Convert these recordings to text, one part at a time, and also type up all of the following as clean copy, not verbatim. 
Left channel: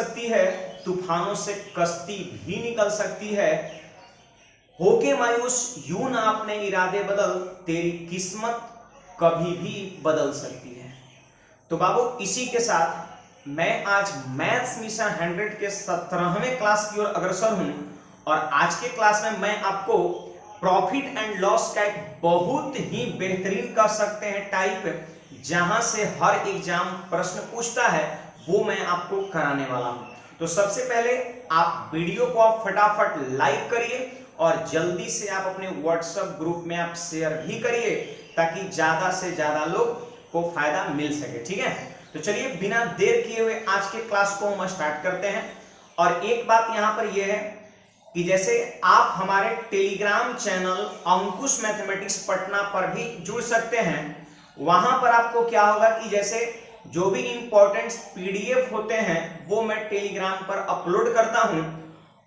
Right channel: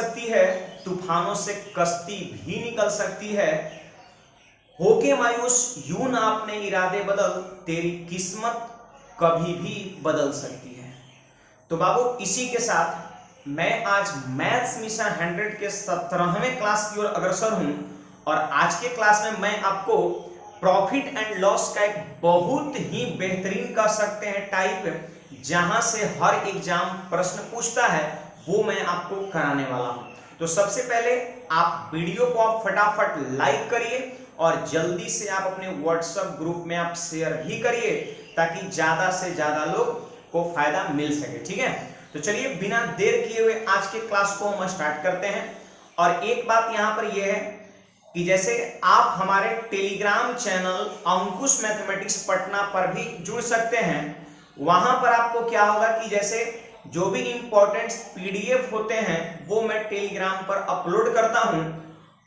सकती है, तूफानों से कश्ती भी निकल सकती है। होके मायूस यूं ना अपने इरादे बदल, तेरी किस्मत कभी भी बदल सकती है। तो बाबू इसी के साथ मैं आज मैथ्स मिशन 100 के 17वें क्लास की ओर अग्रसर हूं और आज के क्लास में मैं आपको प्रॉफिट एंड लॉस का एक बहुत ही बेहतरीन कह सकते हैं टाइप, जहां से हर एग्जाम प्रश्न पूछता है, वो मैं आपको कराने वाला हूं। तो सबसे पहले आप वीडियो को आप फटाफट लाइक करिए और जल्दी से आप अपने व्हाट्सएप ग्रुप में आप शेयर भी करिए ताकि ज्यादा से ज्यादा लोग को फायदा मिल सके। ठीक है, तो चलिए बिना देर किए हुए आज के क्लास को हम स्टार्ट करते हैं। और एक बात यहां पर यह है कि जैसे आप हमारे टेलीग्राम चैनल अंकुश मैथमेटिक्स पटना पर भी जुड़ सकते हैं। वहां पर आपको क्या होगा कि जैसे जो भी इंपॉर्टेंट पीडीएफ होते हैं वो मैं टेलीग्राम पर अपलोड करता हूं।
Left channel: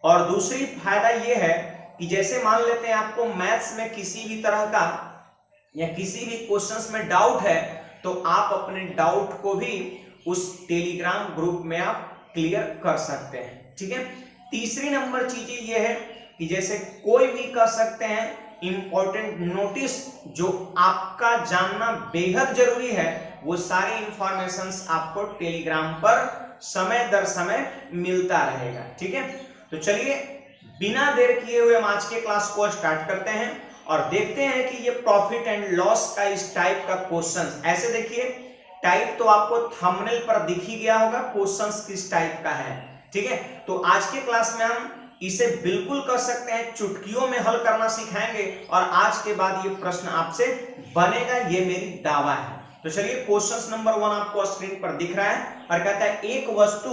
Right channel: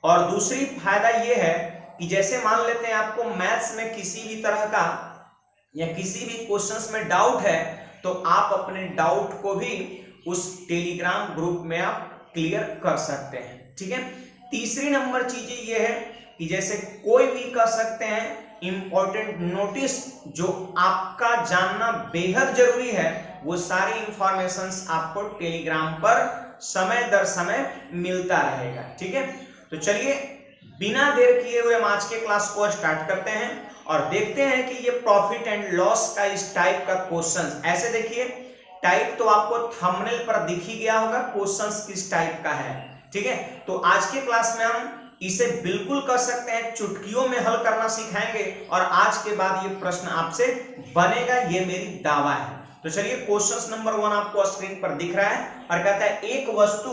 और दूसरी फायदा यह है कि जैसे मान लेते हैं आपको मैथ्स में किसी भी तरह का या किसी भी क्वेश्चंस में डाउट है, तो आप अपने डाउट को भी उस टेलीग्राम ग्रुप में आप क्लियर कर सकते हैं। ठीक है, तीसरी नंबर चीज ये है कि जैसे कोई भी कर सकते हैं इंपॉर्टेंट नोटिस जो आपका जानना बेहद जरूरी है, वो सारी इंफॉर्मेशंस आपको टेलीग्राम पर समय दर समय मिलता रहेगा। ठीक है, तो चलिए बिना देर किए हुए हम आज के क्लास को स्टार्ट करते हैं और देखते हैं कि ये प्रॉफिट एंड लॉस का इस टाइप का क्वेश्चन, ऐसे देखिए टाइप तो आपको थंबनेल पर दिख ही गया होगा क्वेश्चंस किस टाइप का है। ठीक है, तो आज के क्लास में हम इसे बिल्कुल कर सकते हैं, चुटकियों में हल करना सिखाएंगे और आज के बाद ये प्रश्न आपसे बनेगा, ये मेरी दावा है। तो चलिए क्वेश्चन नंबर 1 आपको स्क्रीन पर दिख रहा है और कहता है एक वस्तु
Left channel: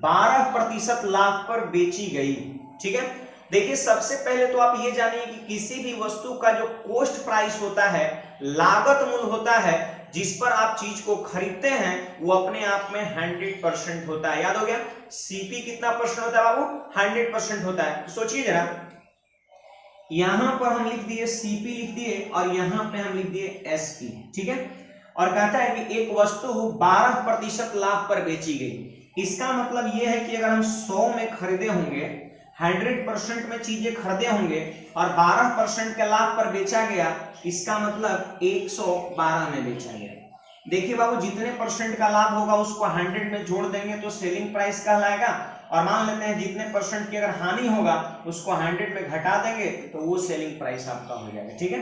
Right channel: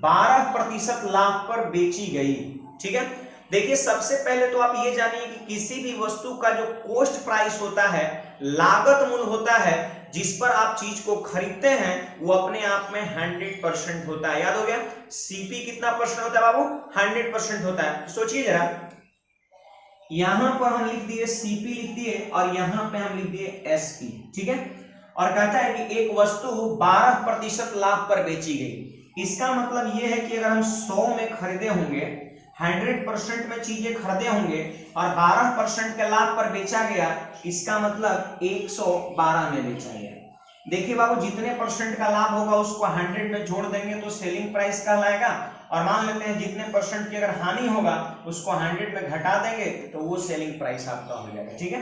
12% लाभ पर बेची गई। ठीक है, देखिए सबसे पहले तो आप ये जानिए कि किसी भी वस्तु का जो कॉस्ट प्राइस होता है, लागत मूल्य होता है, जिस पर आप चीज को खरीदते हैं, वो अपने आप में 100% होता है। याद हो गया, सीपी कितना परसेंट होता है बाबू? 100% होता है। तो सोचिए जरा, यहां पर हम लिख दिए सीपी लिख दिए और यहां पे हम लिख दिए एसपी। ठीक है, और कहता है कि एक वस्तु 12% लाभ पर बेची गई। इसका मतलब यह है कि अगर हम 100 में खरीदे होंगे, 100% में चीजें खरीदे होंगे और 12% के लाभ पर बेचा गया, इसका मतलब 112 में बेचा गया। देखिए बाबू, जितने परसेंट का लाभ होगा उसको 100 में जोड़ देंगे तो सेलिंग प्राइस कहलाएगा, और मान लेते हैं जितने परसेंट की अगर हानि होगा उसको 100 में घटा देंगे तो वो सेलिंग प्राइस आपका हो जाएगा। ठीक है,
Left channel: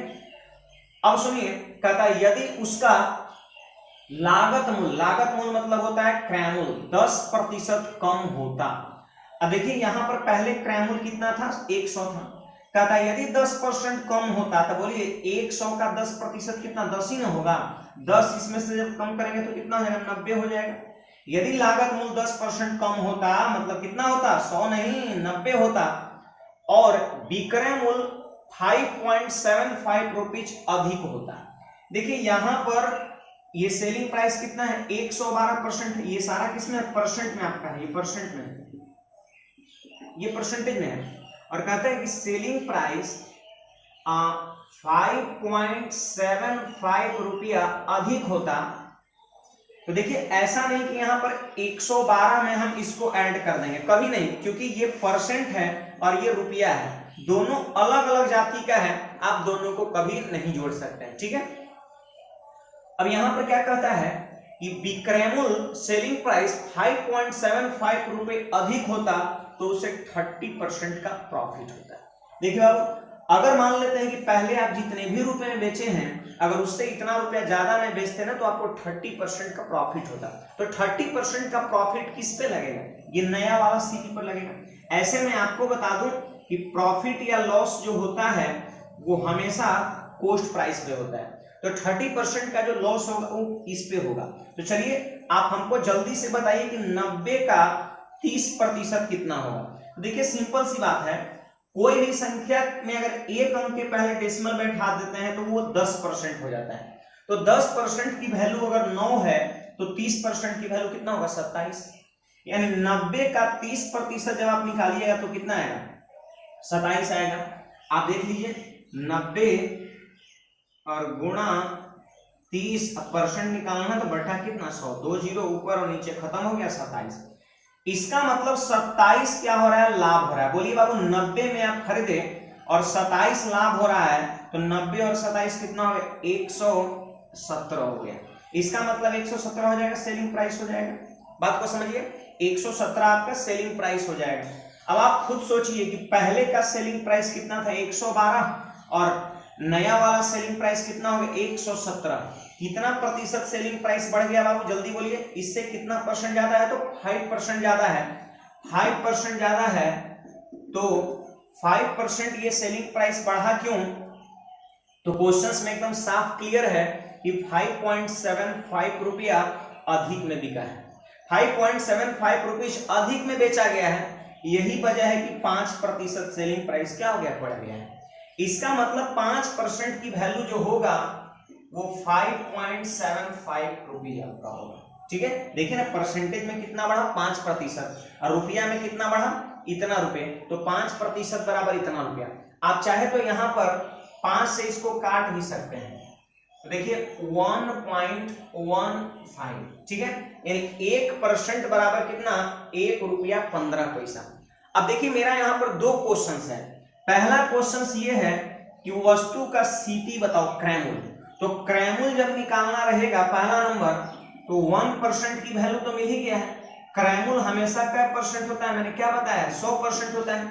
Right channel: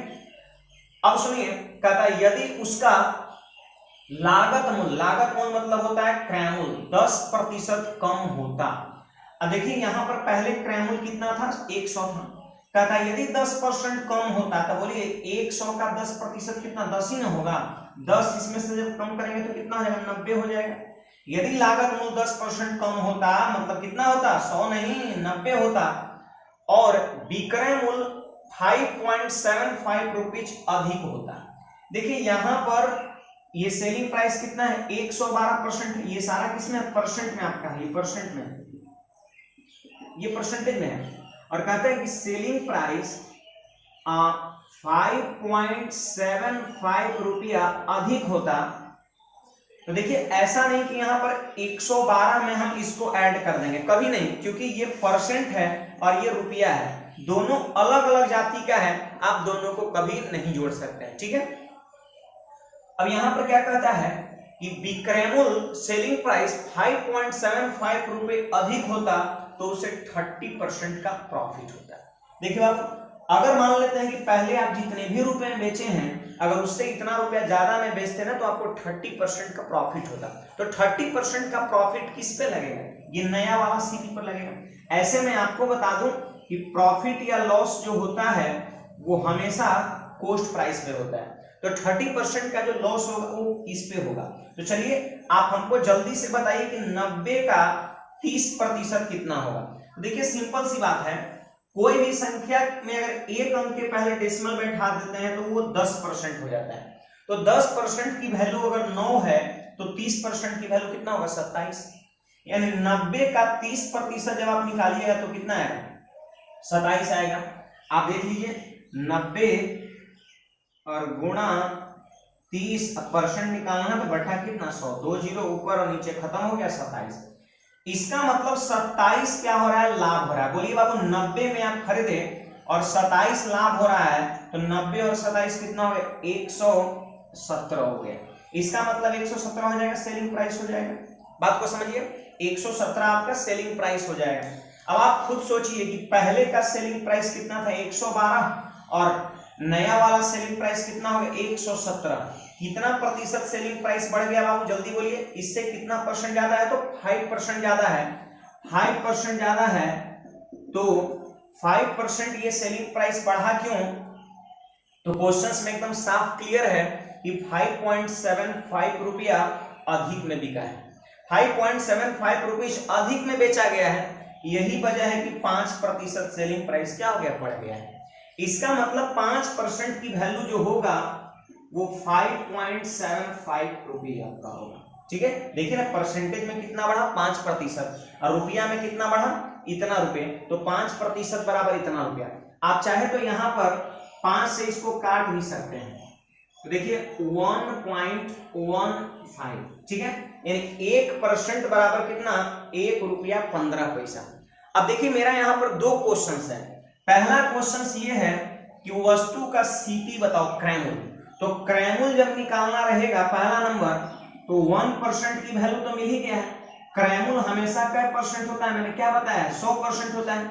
अब सुनिए, कहता है यदि उसका लागत मूल्य मतलब होता है क्रय मूल्य 10% कम होता। अब देखिए यहां पर पहले क्रय मूल्य कितना था? 100 था। कहता है यदि 10% कम होता, तो बोलिए 100 का 10% कितना? 10 ही ना होगा। 10 इसमें से जब कम करेंगे तो कितना हो जाएगा? 90 हो जाएगा। यदि लागत मूल्य 10% कम होता मतलब कितना होता? 100 नहीं 90 होता। और विक्रय मूल्य 5.75 रुपीज अधिक होता। देखिए यहां पर ये सेलिंग प्राइस कितना है? 112%। ये सारा किसमें? परसेंट में आपका है, ये परसेंट में, ये परसेंटेज में है। और कहते हैं कि सेलिंग प्राइस 5.75 रुपया अधिक होता। तो देखिए ऐसा नहीं कि यहां पर 112 में हम इसको ऐड कर देंगे, कभी नहीं, क्योंकि ये परसेंट है और ये रुपया है, दोनों अलग अलग जाति का है, आप दोनों को कभी नहीं जोड़ सकते हैं। ठीक है, अब यहां पर क्या कहता है कि विक्रय मूल्य सेलिंग प्राइस 5.75 रुपए अधिक होता तो उसे 30% का प्रॉफिट होता है। देखिए बाबू, अगर मान लेते हैं कि पहले आप जितने भी रुपए में बेचे हैं, अगर उससे इतना रुपया ज्यादा में बेचते ना तो आपको 30% का प्रॉफिट होता। तो 30% का प्रॉफिट किस पे लगेगा? ये नया वाला सीपी पर लगेगा। ऐसे में आपको बता दूं कि प्रॉफिट या लॉस जो होता है वो हमेशा कॉस्ट प्राइस पे होता है, तो 30% का जो लॉस होगा वो इस पे होगा। तो चलिए आप हमको जल्दी से बताइए कि 90 का 30% कितना होगा। तो देखिए सिंपल सी बात है, कोई भी संख्या में अगर एक अंक के पहले डेसिमल बैठा देते हैं तो वो 10% हो जाता है। तो 10% की वैल्यू अगर 9 है तो 30% की वैल्यू कितना होगा? 27। यानी 90 का 30% जब आप निकालिएगा तो कितना आएगा? 27 आएगा। आप देख लीजिए, 90 और गुणा 30% निकालना है तो बटा कितना? 100, 2 जीरो ऊपर और नीचे खत्म हो गया 27। इसका मतलब 27 क्या हो रहा है, लाभ हो रहा है। बोलिए बाबू 90 में आप खरीदे और 27 लाभ हो रहा है, तो 90 और 27 कितना हो गया, 117 हो गया। इसका मतलब 117 हो जाएगा, सेलिंग प्राइस हो जाएगा। बात को समझिए, 117 आपका सेलिंग प्राइस हो जाएगा। अब आप खुद सोचिए कि पहले का सेलिंग प्राइस कितना था, 112, और नया वाला सेलिंग प्राइस कितना हो गया, 117। कितना प्रतिशत सेलिंग प्राइस बढ़ गया बाबू, जल्दी बोलिए। इससे कितना परसेंट ज्यादा है, तो 5% ज्यादा है। 5% ज्यादा है तो 5% ये सेलिंग प्राइस बढ़ा क्यों, तो क्वेश्चंस में एकदम साफ क्लियर है कि 5.75 रुपया अधिक में बिका है। 5.75 रुपीज अधिक में बेचा गया है, यही वजह है कि 5% सेलिंग प्राइस क्या हो गया, बढ़ गया है। इसका मतलब 5% की वैल्यू जो होगा वो 5.75 रुपये आपका होगा। ठीक है, देखिए ना, परसेंटेज में कितना बढ़ा, 5%, और रुपया में कितना बढ़ा, इतना रुपए, तो 5% बराबर इतना रुपया। आप चाहे तो यहाँ पर 5 से इसको काट भी सकते हैं, देखिए 1.15, ठीक है, यानी 1% बराबर कितना, 1 रुपया 15 पैसा। अब देखिए मेरा यहाँ पर दो क्वेश्चंस है। पहला क्वेश्चन ये है कि वस्तु का सीपी बताओ, क्रैमुल। तो क्रैमुल जब निकालना रहेगा पहला नंबर, तो 1% की वैल्यू तो मिल ही गया है। क्रैमुल हमेशा क्या परसेंट होता है, मैंने क्या बताया, 100% होता है।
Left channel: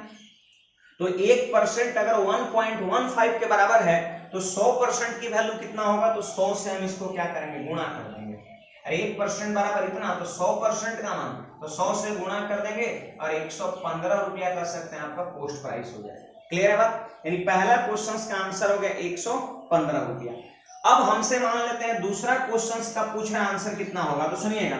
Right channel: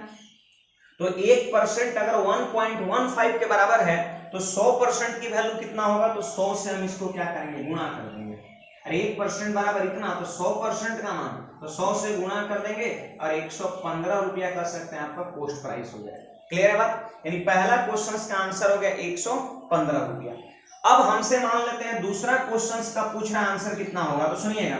तो 1% अगर 1.15 के बराबर है तो 100% की वैल्यू कितना होगा, तो 100 से हम इसको क्या करेंगे, गुणा कर देंगे। अरे 1% बराबर इतना, तो 100% का मान, तो 100 से गुणा कर देंगे और 115 रुपया कर सकते हैं, आपका पोस्ट प्राइस हो जाएगा। क्लियर है बात, यानी पहला क्वेश्चन का आंसर हो गया 115 रुपया। अब हमसे मान लेते हैं दूसरा क्वेश्चन का पूछ रहा है, आंसर कितना होगा, तो सुनिएगा।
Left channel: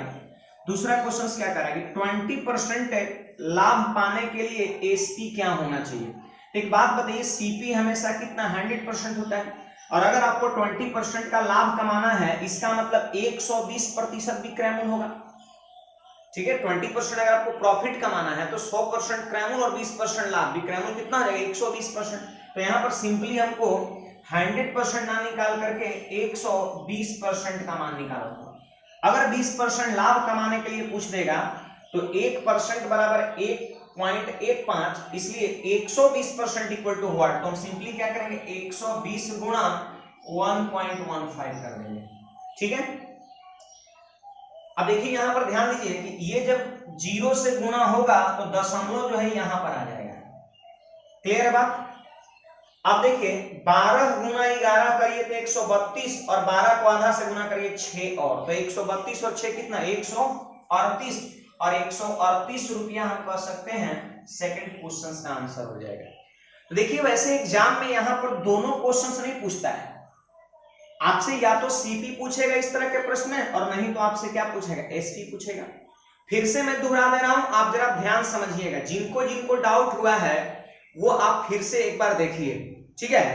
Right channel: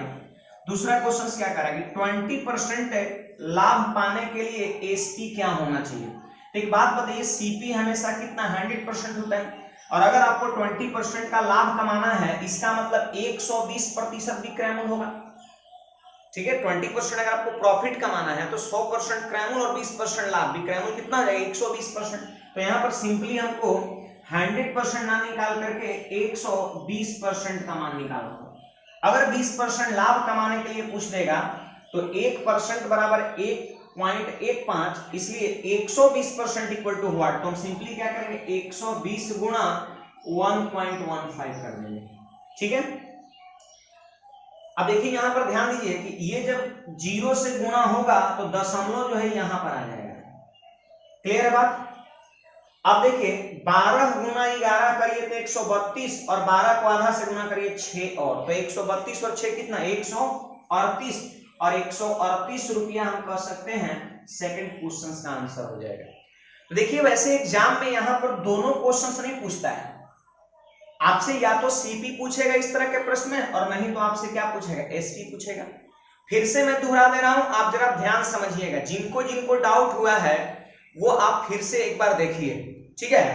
दूसरा क्वेश्चन क्या करेगी, 20% लाभ पाने के लिए एसपी क्या होना चाहिए। तो एक बात बताइए, सीपी हमेशा कितना, 100% होता है, और अगर आपको 20% का लाभ कमाना है, इसका मतलब 120% भी क्रैमुल होगा। ठीक है, 20% अगर आपको प्रॉफिट कमाना है तो 100% क्रैमुल और 20% लाभ भी, क्रैमुल कितना हो जाएगा, 120%। तो यहाँ पर सिंपली हमको 100% ना निकाल करके 120% का मान निकालना होगा। अगर 20% लाभ कमाने के लिए पूछ देगा तो 1% बराबर 1.15, इसलिए 120% इक्वल टू व्हाट, तो हम सिंपली क्या करेंगे, 120 गुणा 1.15 कर देंगे। ठीक है, अब देखिए यहां पर ध्यान दीजिए कि ये जब 0 से गुणा होगा तो दशमलव जो है यहां पर आ जाएगा। क्लियर है बात। अब देखिए 12 गुना 11 करिए तो 132, और 12 को आधा से गुना करिए 6 और, तो 132 और 6 कितना, 138, और 138 रुपया हम कह सकते हैं सेकंड क्वेश्चन का आंसर हो जाएगा। तो देखिए वैसे एग्जाम में यहां पर दोनों क्वेश्चन नहीं पूछता है, आपसे या तो सीपी पूछेगा इस तरह के प्रश्न में, और नहीं तो आपसे क्या पूछेगा, एसपी पूछेगा। फिर से मैं दोहरा दे रहा हूं, आप जरा ध्यान समझिएगा, जिनको जिनको डाउट हुआ है वो आप फिर से एक बार देखिए। ठीक है,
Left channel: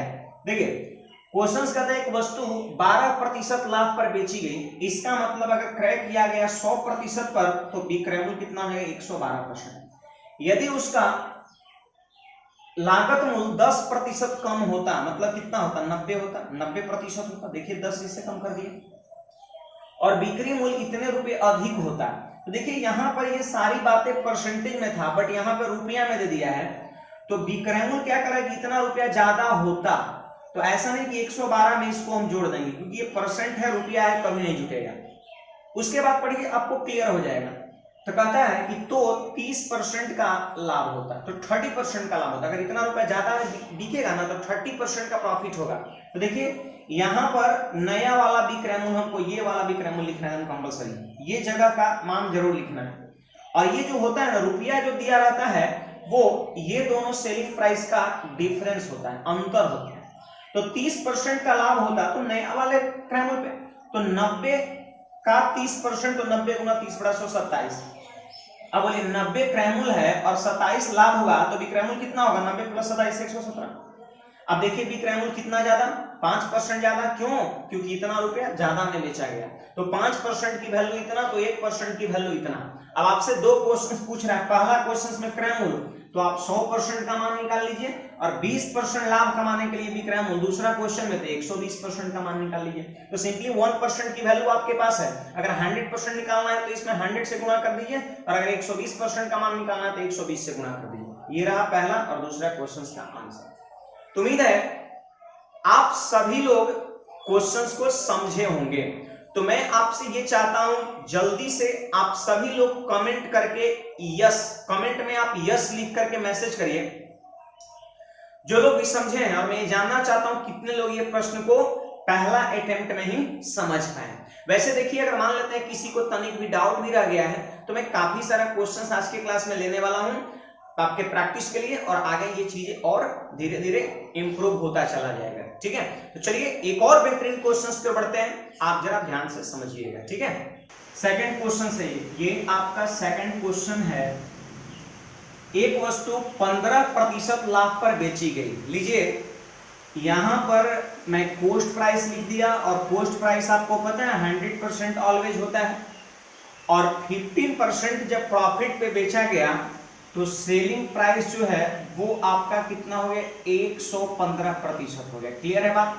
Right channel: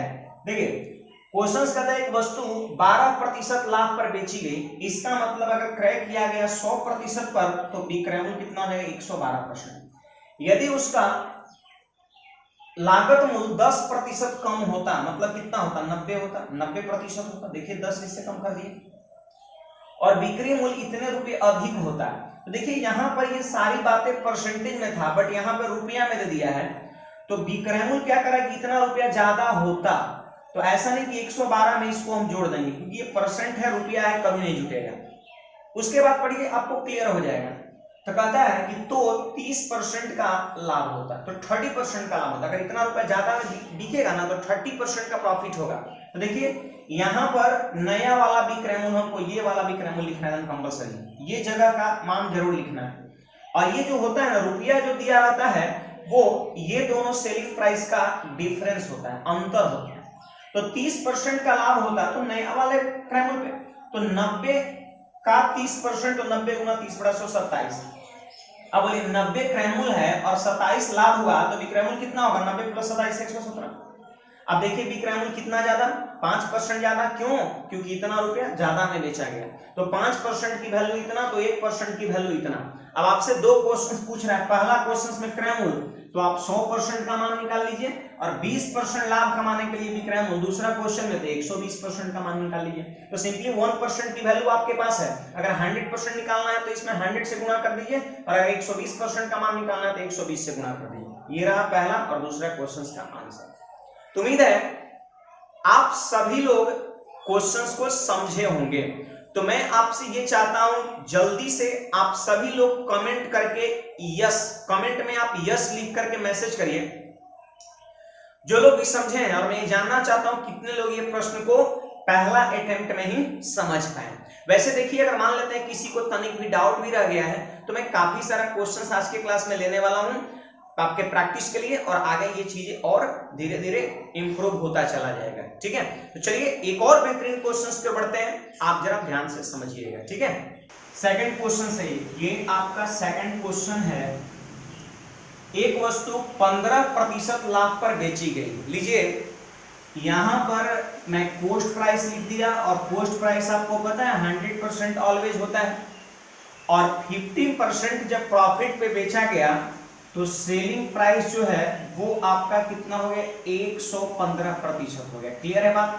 देखिए क्वेश्चन कहता है एक वस्तु 12% लाभ पर बेची गई, इसका मतलब अगर क्रय किया गया 100% पर तो विक्रय कितना है, 112%। यदि उसका लागत मूल्य 10% कम होता, मतलब कितना होता, 90 होता, 90% होता, देखिए 10 इससे कम कर दिए, और बिक्री मूल्य इतने रुपए अधिक होता है। तो देखिए यहां पर ये सारी बातें परसेंटेज में था, बट यहां पर रुपया में दे दिया है, तो विक्रय मूल्य क्या करा कि इतना रुपया ज्यादा होता, तो ऐसा नहीं कि 112 में इसको हम जोड़ देंगे, क्योंकि ये परसेंट है, रुपया है, कभी नहीं जुटेगा। उसके बाद पढ़िए, आपको क्लियर हो जाएगा। तो कहता है कि तो 30% का लाभ होता, तो 30% का लाभ होता, अगर इतना रुपया ज्यादा बिकेगा ना तो 30% का प्रॉफिट होगा। तो देखिए यहां पर नया वाला विक्रय मूल्य, हमको ये वाला विक्रय मूल्य लिखना है कंपलसरी, ये जगह का मान जरूर लिखना है। और ये जो होता है ना, रुपया जो दिया रहता है वो ये दोनों सेलिंग प्राइस का डिफरेंस होता है, अंतर होता है। तो 30% का लाभ होता तो नया वाले क्रय मूल्य पे, तो 90 का 30%, तो 90 गुना 30 बड़ा 127। अब बोलिए 90 क्रय मूल्य है और 27 लाभ हुआ, तो विक्रय मूल्य कितना होगा, 90 प्लस 27 117। अब देखिए विक्रय मूल्य कितना ज्यादा, 5% ज्यादा, क्यों? क्योंकि इतना रुपया ज्यादा में बेचा गया, तो 5% की वैल्यू इतना, तो 1% की वैल्यू इतना। अब आपसे दो क्वेश्चन पूछ रहा है, पहला क्वेश्चन में क्रय मूल्य, तो आप 100% का मान निकाल लीजिए, और 20% लाभ कमाने के लिए विक्रय मूल्य, दूसरा क्वेश्चन में तो 120% का मान निकाल लीजिए। तो सिंपली 1% की वैल्यू आपके पास है, अगर 100% निकालना है तो इसमें 100 से गुणा कर दीजिए, और अगर 120% का मान निकालना है तो 120 से गुणा कर दीजिए। ये रहा पहला और दूसरा क्वेश्चन का आंसर। तो उम्मीद है आप सभी लोग क्वेश्चंस को समझे होंगे। तो मैं आपसे ये चाहता हूं जल्दी से आप सभी लोग कमेंट करके यस, कमेंट में आप यस लिख करके मैसेज करिए जो लोग भी समझे हैं, और मैं ये जानना चाहता हूं कितने लोग ये प्रश्न को पहला अटेम्प्ट में ही समझ पाए। वैसे देखिए अगर मान लेते हैं किसी को तनिक भी डाउट भी रह गया है, तो मैं काफी सारा क्वेश्चन आज के क्लास में लेने वाला हूं आपके प्रैक्टिस के लिए, और आगे ये चीजें और धीरे धीरे इंप्रूव होता चला जाएगा। ठीक है, तो चलिए एक और बेहतरीन क्वेश्चंस पे बढ़ते हैं, आप जरा ध्यान से समझिएगा। ठीक है, सेकंड क्वेश्चन से, ये आपका सेकंड क्वेश्चन है, एक वस्तु 15% लाभ पर बेची गई। लीजिए यहां पर मैं कॉस्ट प्राइस लिख दिया, और कॉस्ट प्राइस आपको पता है 100% ऑलवेज होता है, और 15% जब प्रॉफिट पे बेचा गया तो सेलिंग प्राइस जो है वो आपका कितना हो गया, 115% हो गया। क्लियर है बात?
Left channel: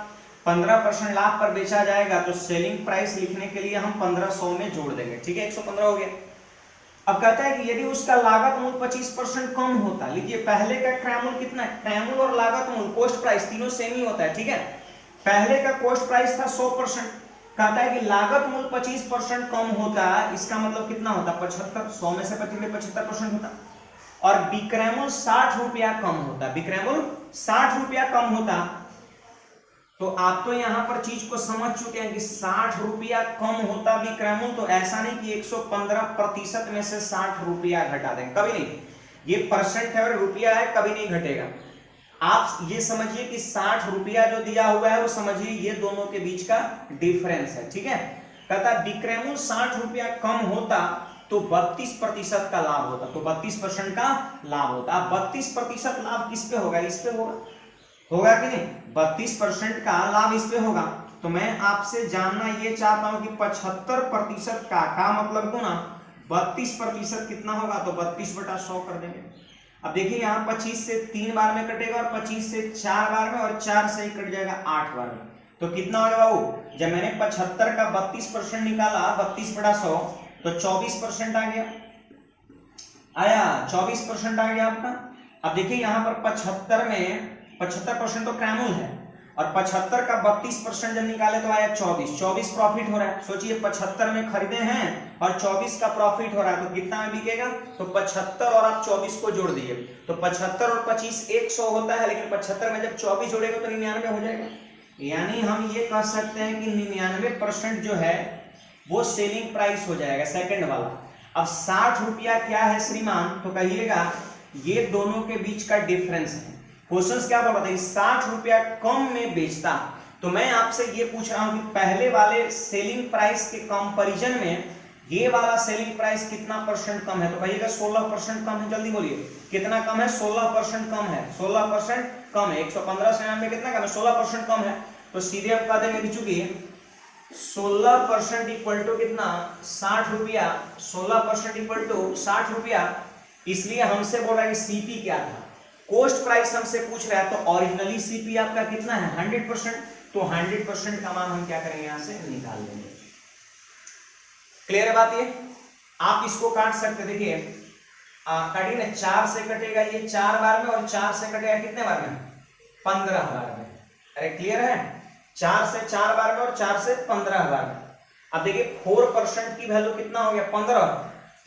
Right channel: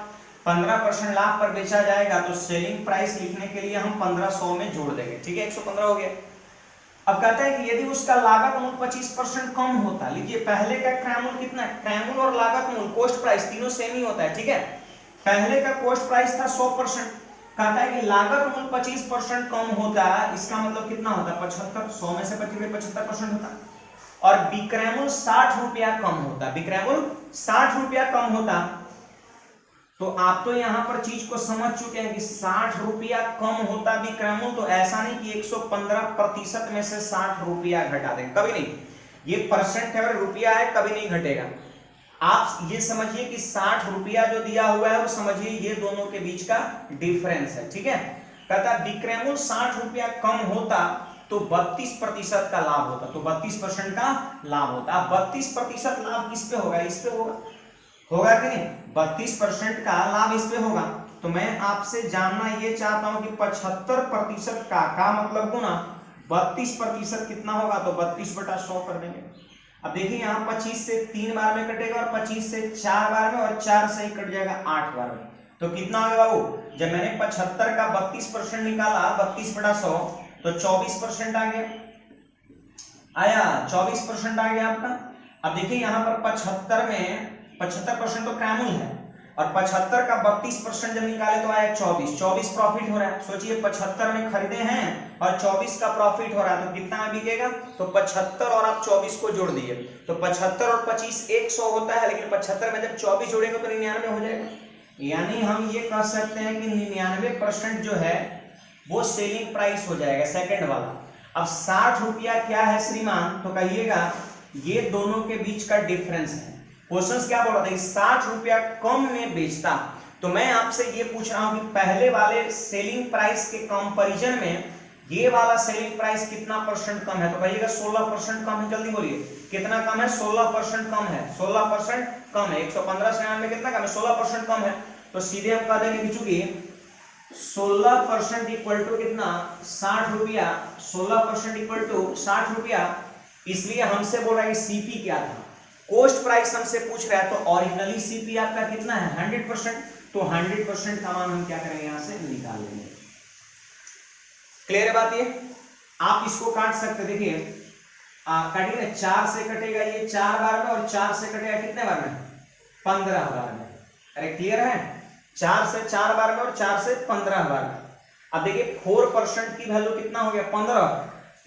15% लाभ पर बेचा जाएगा तो सेलिंग प्राइस लिखने के लिए हम 1500 में जोड़ देंगे। ठीक है, 115 हो गया। अब कहता है कि यदि उसका लागत मूल्य 25% कम होता, लीजिए पहले का क्रय मूल्य कितना है, क्रय मूल्य और लागत मूल्य कॉस्ट प्राइस तीनों सेम ही होता है। ठीक है, पहले का कॉस्ट प्राइस था 100%, कहता है कि लागत मूल्य 25% कम होता है, इसका मतलब कितना होता, 75, 100 में से 75% होता, और विक्रय मूल्य 60 रुपया कम होता, विक्रय मूल्य 60 रुपया कम होता। तो आप तो यहां पर चीज को समझ चुके हैं कि 60 रुपया कम होता विक्रय मूल्य, तो ऐसा नहीं कि 115% में से 60 रुपया घटा दें, कभी नहीं, ये परसेंट है, रुपया है, कभी नहीं घटेगा। आप ये समझिए कि 60 रुपया जो दिया हुआ है वो समझिए ये दोनों के बीच का डिफरेंस है। ठीक है, कहता विक्रय मूल्य 60 रुपया कम होता तो 32% का लाभ होता, तो 32% का लाभ होता। अब 32% लाभ किस पे होगा, इस पे होगा, होगा कि नहीं, 32% का लाभ इस पे होगा। तो मैं आपसे जानना ये चाहता हूं कि 75% का मतलब गुना 32% कितना होगा, तो 32/100 कर देंगे। अब देखिए यहाँ 25 से 3 बार में कटेगा, और 25 से 4 बार में, और 4 से ही कट जाएगा 8 बार में, तो कितना होगा बाबू, जब मैंने 75 का 32% निकाला 32/100 तो 24% आ गया, आया 24% आ गया आपका। अब देखिए यहाँ पर 75 में 75% तो क्रय मूल्य है, और 75 का 32% जब निकाले तो आया 24 प्रॉफिट हो रहा है। सोचिए 75 में खरीदे हैं और 24 का प्रॉफिट हो रहा है, तो कितना में बिकेगा, तो 75 और आप 24 को जोड़ दीजिए, तो 75 और 25 100 होता है, लेकिन 75 में जब 24 जोड़ेंगे तो 99 हो जाएगा। यानी हम ये कह सकते हैं कि 99% जो है वो सेलिंग प्राइस हो जाएगा, सेकंड वाला। अब 60 रुपया क्या है श्रीमान, तो कहिएगा ये दोनों के बीच का डिफरेंस है। क्वेश्चन क्या बोल रहा था, 60 रुपया कम में बेचता, तो मैं आपसे ये पूछ रहा हूं कि पहले वाले सेलिंग प्राइस के कंपैरिजन में ये वाला सेलिंग प्राइस कितना परसेंट कम है, तो कहिएगा 16% कम है। जल्दी बोलिए कितना कम है, 16% कम है, 16% कम है। 115 से 99 कितना कम है, 16% कम है। तो सीधे हम कह देंगे बिचू की 16% इक्वल टू कितना, 60 रुपया, 16% इक्वल टू 60 रुपया। इसलिए हमसे बोल रहा है कि सीपी क्या था, कॉस्ट प्राइस हमसे पूछ रहा है, तो ओरिजिनली सीपी आपका कितना है 100%, तो 100% का मान हम क्या करेंगे यहां से निकाल लेंगे। क्लियर है बात ये? आप इसको काट सकते, देखिए काटिए ना, 4 से कटेगा ये 4 बार में, और 4 से कटेगा कितने बार में, 15 बार में। अरे क्लियर है, 4 से 4 बार में और 4 से 15 बार में। अब देखिए 4% की वैल्यू कितना हो गया 15,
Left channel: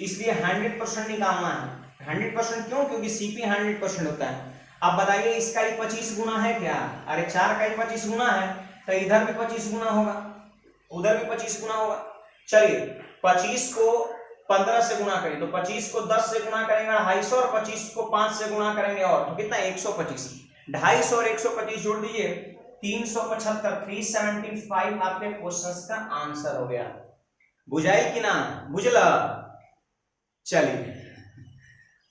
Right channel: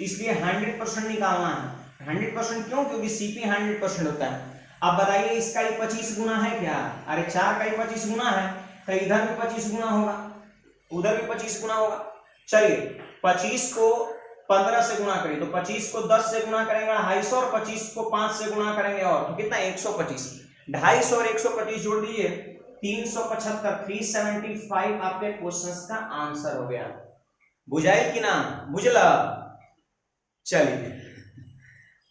इसलिए 100% निकालना है। 100% क्यों, क्योंकि सीपी 100% होता है। अब बताइए इसका ही 25 गुना है क्या, अरे 4 का ही 25 गुना है, तो इधर भी 25 गुना होगा, उधर भी 25 गुना होगा। चलिए 25 को 15 से गुणा करें, तो 25 को 10 से गुणा करेंगे 250, और 25 को 5 से गुणा करेंगे, और तो कितना 125, 250 और 125 जोड़ दीजिए 375, 375 आपके क्वेश्चंस का आंसर हो गया। बुझाई कि ना, बुझला? चलिए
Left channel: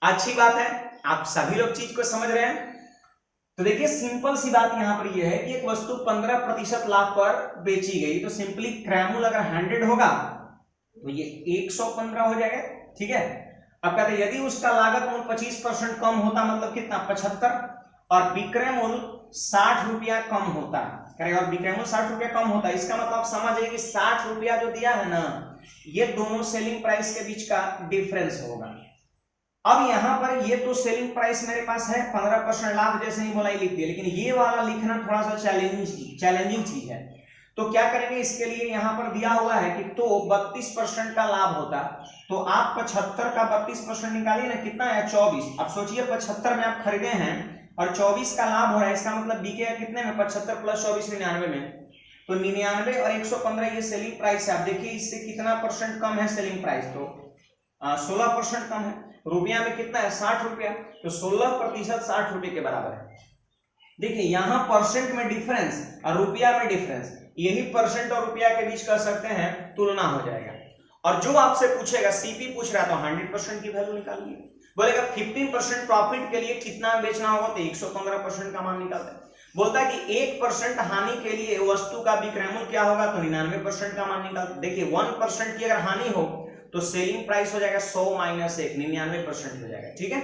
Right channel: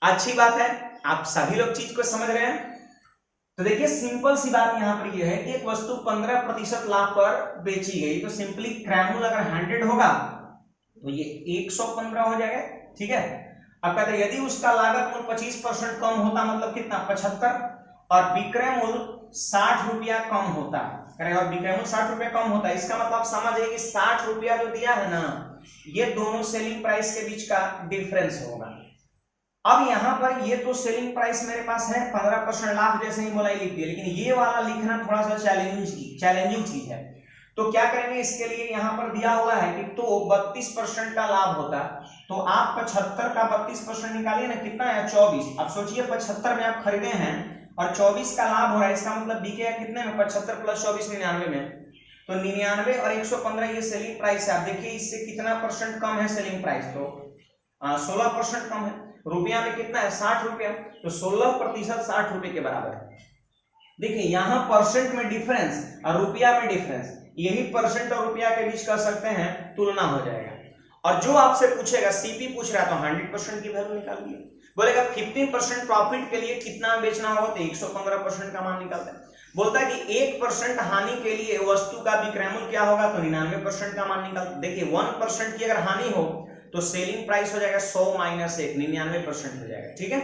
अच्छी बात है, आप सभी लोग चीज को समझ रहे हैं। तो देखिए सिंपल सी बात यहाँ पर यह है कि एक वस्तु 15% लाभ पर बेची गई, तो सिंपली क्रैमुल अगर 100 होगा तो ये 115 हो जाएगा, ठीक है। अब कहते यदि उसका लागत मूल्य 25% कम होता, मतलब कितना 75, और विक्रय मूल्य 60 रुपया कम होता है, और विक्रय मूल्य 60 रुपया कम होता है, इसका मतलब समझिए कि 60 रुपया जो दिया है ना, ये दोनों सेलिंग प्राइस के बीच का डिफरेंस होगा। अब यहां पर ये तो सेलिंग प्राइस मेरे पास है 15% लाभ, जैसे ही बोला लिख दिया, लेकिन ये वाला लिखना थोड़ा सा चैलेंजिंग चीज है। तो क्या करेंगे, इसके लिए यहां पर दिया हुआ है कि तो 32% का लाभ होता, तो आप 75 का 32% निकालिए ना, कितना है 24। अब सोचिए 75 में आप खरीदे हैं और 24 का लाभ हो रहा है, इसका मतलब बिकेगा कितने में, 75 प्लस 24 99 में, तो 99 और 115 ये सेलिंग प्राइस है। आप देखिए इससे कितना परसेंट कम है सेलिंग प्राइस, तो 16% कम है। रुपया में कितना है 60 रुपया, तो 16% 60 रुपए के बराबर है। देखिए यहाँ परसेंट में डिफरेंस और रुपया में डिफरेंस, यही परसेंट और रुपया के बीच कर सकते हैं तुलना हो जाएगा। और जो आपसे पूछेगा, सीपी पूछ रहा है तो 100% की वैल्यू निकालिए। बोलेगा 15% प्रॉफिट के लिए कितना बेचना होगा, तो 115% का मान निकालते हैं। बोलता है कि 1% हानि के लिए वस्तु का विक्रय मूल्य क्या होगा, तो 99% का मान निकालते। देखिए 1% की अगर हानि हो तो सेलिंग प्राइस हो जाएगा 100 माइनस 1, 99% हो जाएगा, ठीक है।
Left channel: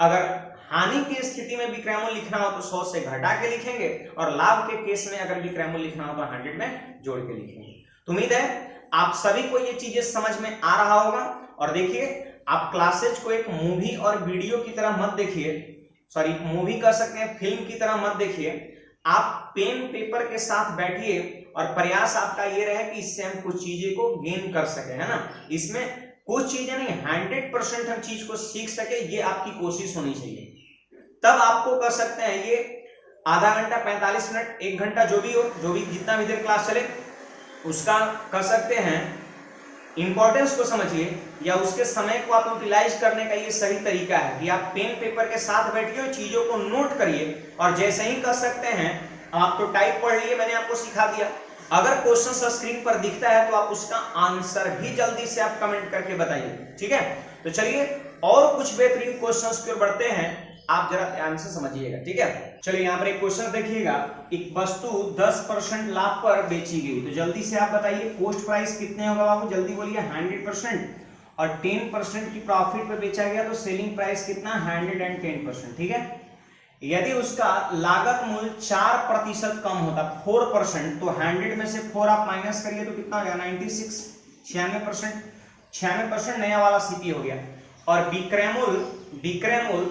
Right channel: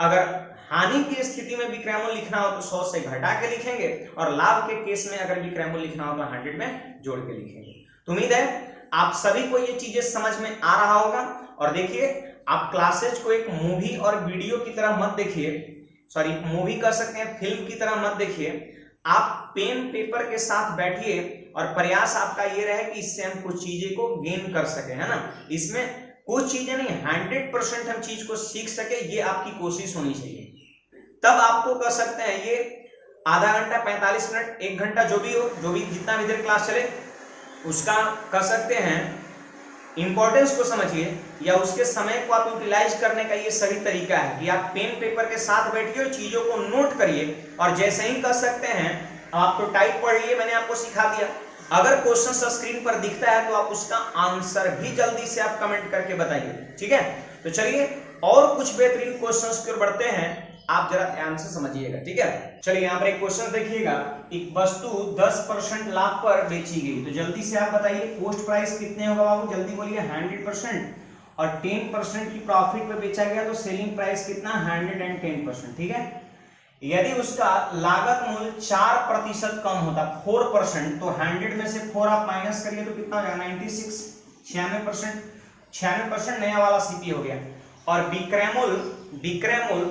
अगर हानि की स्थिति में विक्रय मूल्य लिखना हो तो 100 से घटा के लिखेंगे, और लाभ के केस में अगर विक्रय मूल्य लिखना हो तो 100 में जोड़ के लिखेंगे। तो उम्मीद है आप सभी को ये चीजें समझ में आ रहा होगा। और देखिए आप क्लासेज को एक मूवी और वीडियो की तरह मत देखिए, सॉरी मूवी कर सकते हैं, फिल्म की तरह मत देखिए। आप पेन पेपर के साथ बैठिए और प्रयास आपका ये रहे कि इससे हम कुछ चीजें को गेन कर सके, है ना। इसमें कुछ चीजें नहीं, 100% हम चीज को सीख सके, ये आपकी कोशिश होनी चाहिए। तब आपको कर सकते हैं ये आधा घंटा, 45 मिनट, 1 घंटा, जो भी जितना भी देर क्लास चले उसका कर सकते हैं। इंपॉर्टेंस को समझिए या उसके समय को आप यूटिलाइज करने का ये सही तरीका है कि आप पेन पेपर के साथ बैठिए और चीजों को नोट करिए, और जैसे ही कर सकते हैं आप तो टाइप पढ़िए, मैंने आपको सिखा दिया। अगर क्वेश्चन स्क्रीन पर दिखता है तो आप उसका आंसर भी जल्दी से आप कमेंट करके बताइए, ठीक है। तो चलिए और कुछ बेहतरीन क्वेश्चंस की ओर बढ़ते हैं, आप जरा ध्यान से समझिएगा, ठीक है। चलिए यहाँ पर एक क्वेश्चन देखिएगा, एक वस्तु 10% लाभ पर बेची गई, तो जल्दी से आप बताइए कॉस्ट प्राइस कितने होगा बाबू, जल्दी बोलिए 100%, और 10% की प्रॉफिट पे बेचा गया तो सेलिंग प्राइस कितना 110%, ठीक है। यदि उसका लागत मूल्य 4% कम होता 4%, तो 100 में से 4 आप माइनस करिए तो कितना हो जाएगा 96, 96% नया वाला सीपी हो गया। और विक्रय मूल्य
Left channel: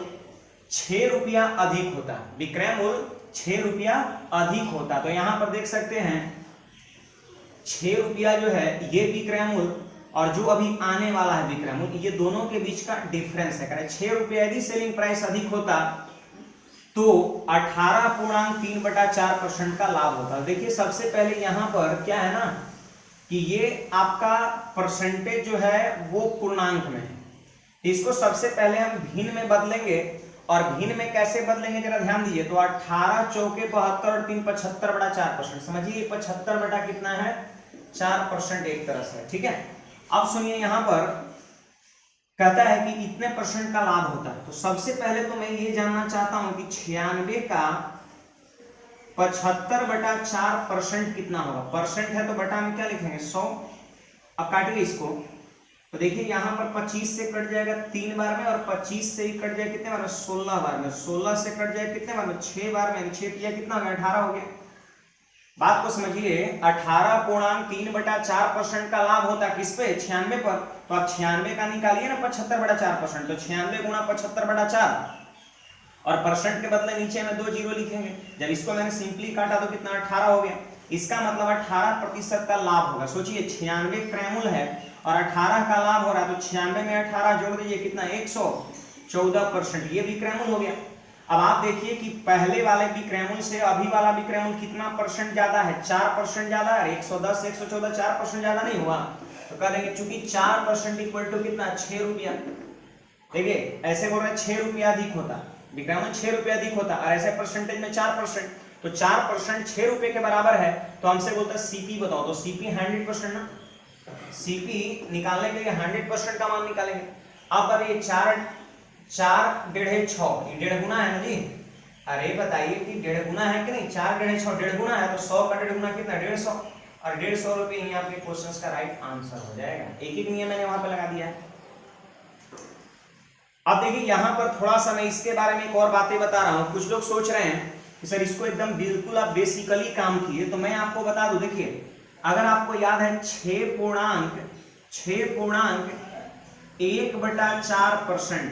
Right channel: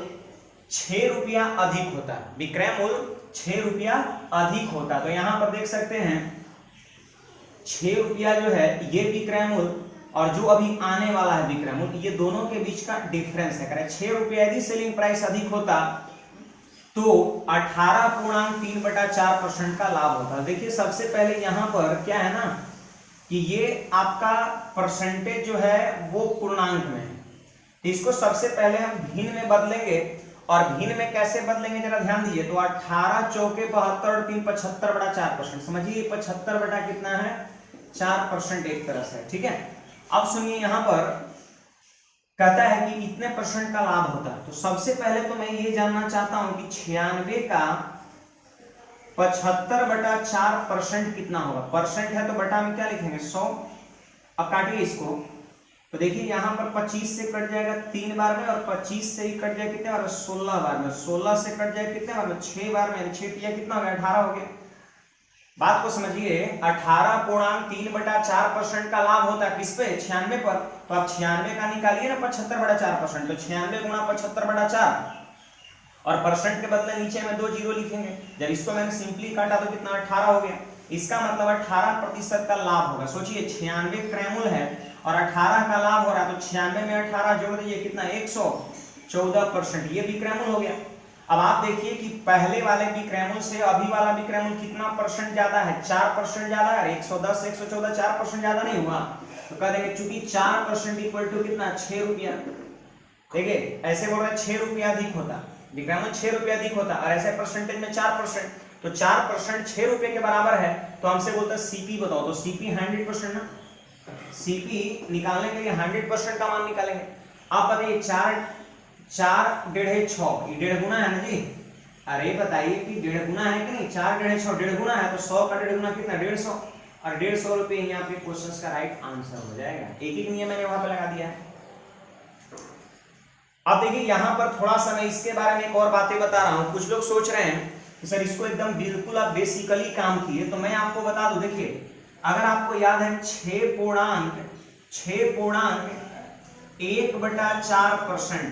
6 रुपया अधिक होता है, विक्रय मूल्य 6 रुपया अधिक होता है। तो यहां पर देख सकते हैं 6 रुपया जो है ये विक्रय मूल्य, और जो अभी आने वाला है विक्रय मूल्य, ये दोनों के बीच का डिफरेंस है। 6 रुपया यदि सेलिंग प्राइस अधिक होता तो 18.3/4% का लाभ होता। देखिए सबसे पहले यहां पर क्या है ना कि ये आपका परसेंटेज जो है वो पूर्णांक में है, तो इसको सबसे पहले हम भिन्न में बदलेंगे। और भिन्न में कैसे बदलेंगे जरा ध्यान दीजिए, तो 18 चौके 72 और 3 75/4%, समझिए 75 बटा कितना है 4% एक तरह से, ठीक है। अब सुनिए यहां पर कहता है कि इतने परसेंट का लाभ होता है, तो सबसे पहले तो मैं ये जानना चाहता हूं कि 96 का 75/4% कितना होगा। परसेंट है तो बटा में क्या लिखेंगे 100। अब काटिए इसको, तो देखिए यहां पर 25 से कट जाएगा 3 बार में, और 25 से ही कट जाएगा कितने बार में 16 बार में, 16 से कट जाएगा कितने बार में 6 बार में, 6 पिया कितना हो गया 18 हो गया। बात को समझिए 18.3/4% का लाभ होता है किस पे 96 पर, तो आप 96 का निकालिए ना 75/4%, तो 96 गुणा 75/4, और परसेंट के बदले नीचे में 2 जीरो लिखेंगे। जब इसको मैंने सिंपली काटा तो कितना 18 हो गया, इसका मतलब 18% का लाभ होगा। सोचिए 96 क्रय मूल्य है और 18 का लाभ हो रहा है, तो 96 में 18 जोड़ दीजिए कितना 114%, ये विक्रय मूल्य हो गया। अब आप देखिए कि पहले वाले विक्रय मूल्य से अभी वाला विक्रय मूल्य कितना परसेंट ज्यादा है, 4% ज्यादा है। 110 114 4% ज्यादा नहीं हुआ, तो कह देंगे चूंकि 4% इक्वल टू कितना 6 रुपया। देखिए ऐसे बोल रहे हैं 6 रुपया अधिक होता, विक्रय मूल्य 6 रुपया अधिक होता, और ऐसे परसेंटेज में 4%, तो 4% 6 रुपए के बराबर है, तो हमसे बोलता है सीपी बताओ, तो सीपी 100% ना, सीपी निकालने के लिए 100% का मान निकालेंगे। अब बताइए 4 4 डेढ़े 6, ये 1.5 गुना है ना जी, अरे बताइए कि 1.5 गुना है कि नहीं, 4 × 6 1.5 गुना है, तो 100 का 1.5 गुना कितना, 150, और 150 रुपये ही आपके क्वेश्चन का राइट आंसर हो जाएगा। एक एक नियम मैंने वहां पे लगा दिया है। अब देखिए यहाँ पर थोड़ा सा मैं इसके बारे में एक और बातें बता रहा हूँ। कुछ लोग सोच रहे हैं कि सर इसको एकदम बिल्कुल आप बेसिकली काम किए, तो मैं आपको बता दूं, देखिए अगर आपको याद है 6.1/4%,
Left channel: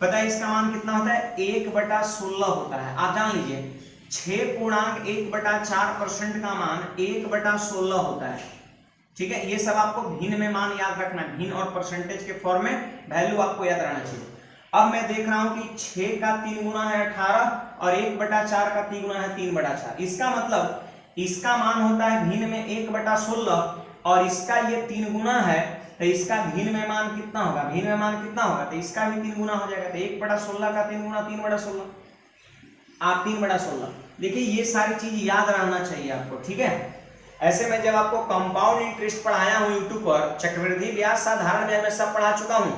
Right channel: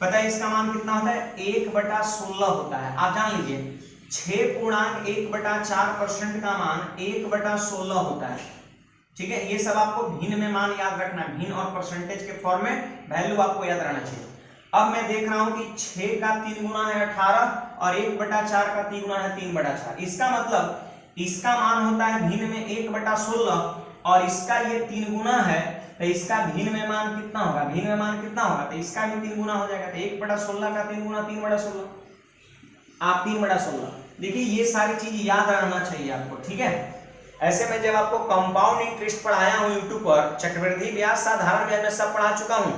पता है इसका मान कितना होता है, 1/16 होता है। आप जान लीजिए 6.1/4% का मान 1/16 होता है। ठीक है, ये सब आपको भिन्न में मान याद रखना, भिन्न और परसेंटेज के फॉर्म में वैल्यू आपको याद रहना चाहिए। अब मैं देख रहा हूं कि 6 का 3 गुना है 18 और 1/4 का 3 गुना है 3/4। इसका मतलब इसका मान होता है भिन्न में 1/16 और इसका ये 3 गुना है, तो इसका भिन्न में मान कितना होगा, भिन्न में मान कितना होगा, तो इसका भी 3 गुना हो जाएगा। तो 1/16 का 3 गुना 3/16, आप 3/16। देखिए ये सारी चीज याद रहना चाहिए आपको, ठीक है। ऐसे में जब आपको कंपाउंड इंटरेस्ट पढ़ाया हूं यूट्यूब पर, चक्रवृद्धि ब्याज, साधारण ब्याज में सब पढ़ा चुका हूं,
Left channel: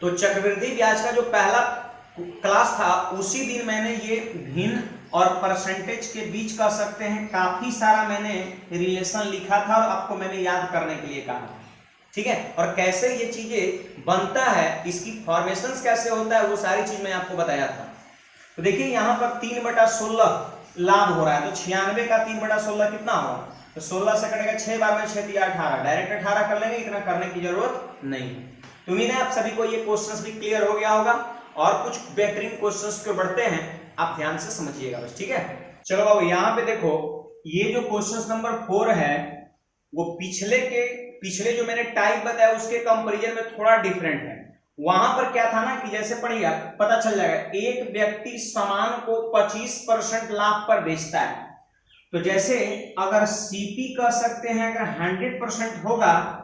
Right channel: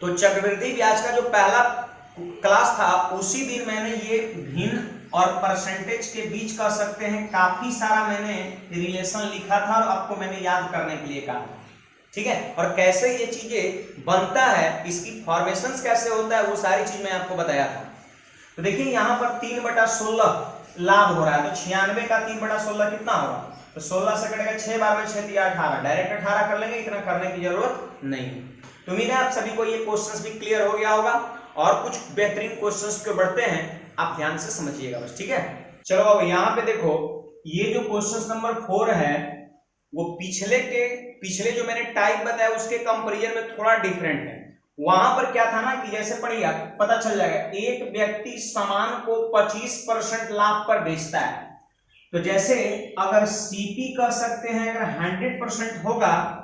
तो चक्रवृद्धि ब्याज का जो पहला क्लास था उसी दिन मैंने ये भिन्न और परसेंटेज के बीच कह सकते हैं काफी सारा मैंने रिलेशन लिखा था और आपको मैंने याद करने के लिए कहा, ठीक है। और कैसे ये चीजें बनता है, इसकी फॉर्मेशन कैसे होता है, वो सारी चीज मैं आपको बताया था। तो देखिए यहाँ पर 3/16 लाभ हो रहा है, तो 96 का 3/16 कितना होगा, तो 16 से कटेगा, 6 बार में 6 दिया 18, डायरेक्ट 18 कर लेंगे, इतना करने की जरूरत नहीं। तो उम्मीद है आप सभी को ये क्वेश्चंस भी क्लियर हो गया होगा, और कुछ बेहतरीन क्वेश्चंस के बढ़ते हैं, आप ध्यान से समझिएगा बस, ठीक है। चलो बाबू यहाँ पे देखो, ये जो क्वेश्चन नंबर 4 है वो पिछले जो मैंने टाइप बताया उसके कंपेरिजन में थोड़ा डिफरेंट है। वहां पर क्या था ना कि जैसे पढ़िए पता चल जाएगा, एक व्यक्ति सामान को 25% लाभ पर बेचता है, तो जैसे अगर सीपी कह सकते हैं अगर 100% होगा,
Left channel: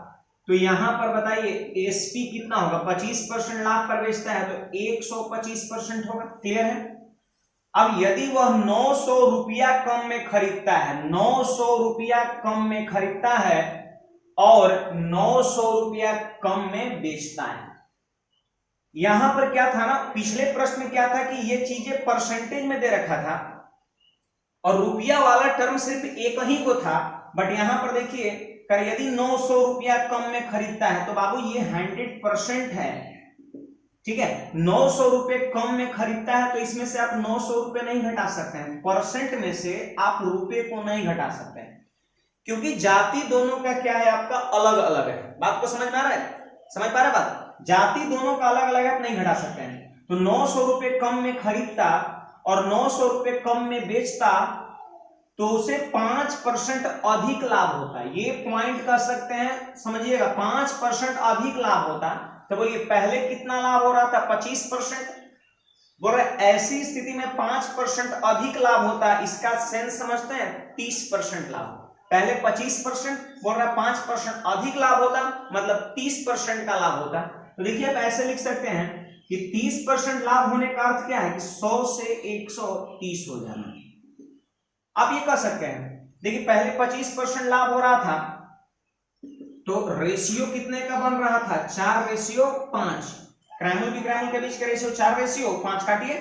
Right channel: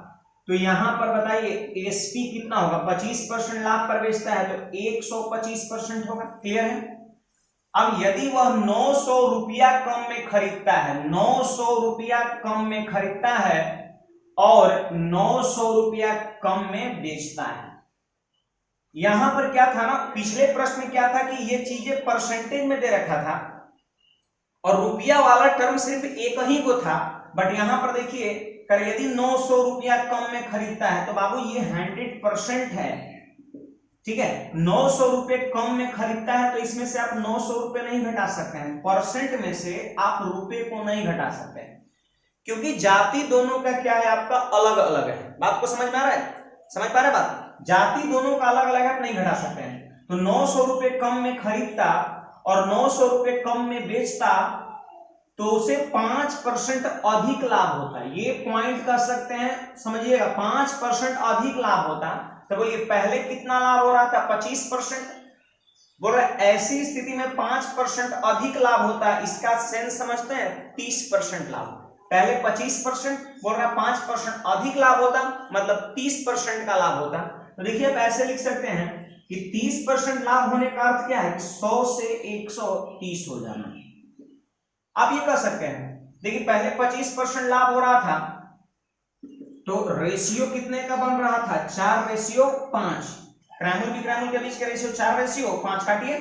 तो यहां पर बताइए एसपी कितना होगा, 25% लाभ पर बेचता है तो 125% होगा। क्लियर है। अब यदि वह 900 रुपया कम में खरीदता है, 900 रुपया कम में खरीदता है और 900 रुपया कम में बेचता है, यहां पर क्या था ना, पिछले प्रश्न में क्या था कि ये चीजें परसेंटेज में दे रखा था और रुपया वाला टर्म सिर्फ एक ही को था, बट यहां पर देखिए कर यदि 900 रुपया कम में खरीदता है तो बाबू ये 100% है, ठीक है। 900 रुपये कम में खरीदता है तो इसमें से आप 900 रुपये नहीं घटा सकते हैं, परसेंट में से आप रुपये को नहीं घटा सकते हैं, क्योंकि जाति दोनों का क्या है आपका अलग अलग है। बात को समझ में आ रहा है, समझ पा रहे बात, जाति दोनों का अलग अलग आप नहीं घटा सकते हैं। तो 900 रुपये कम में खरीदता और 900 रुपये कम में बेचता तो उसे 5% अधिक लाभ होता है। ये पॉइंट कर सकते हैं, समझिएगा, 5% अधिक लाभ होता। तो बोलिए पहले कितना लाभ हो रहा था, 25%, बोल रहे ऐसी स्थिति में 5% अधिक लाभ होता है, इसका सेंस समझते हैं, 30% लाभ। पहले 25%, बोल रहा 5% अधिक लाभ होता, मतलब 30% का लाभ होता। तो देखिए आप ऐसे लिख सकते हैं कि 30% लाभ होने का अर्थ क्या है कि 100 से 130 हो जाना। आप ये कह सकते हैं, देखिए पहले 25% लाभ हो रहा था तो रेशियो कितने का बन रहा था, 4:5, क्रैमल की क्रैमल के बीच का रेशियो 4:5 काटिए,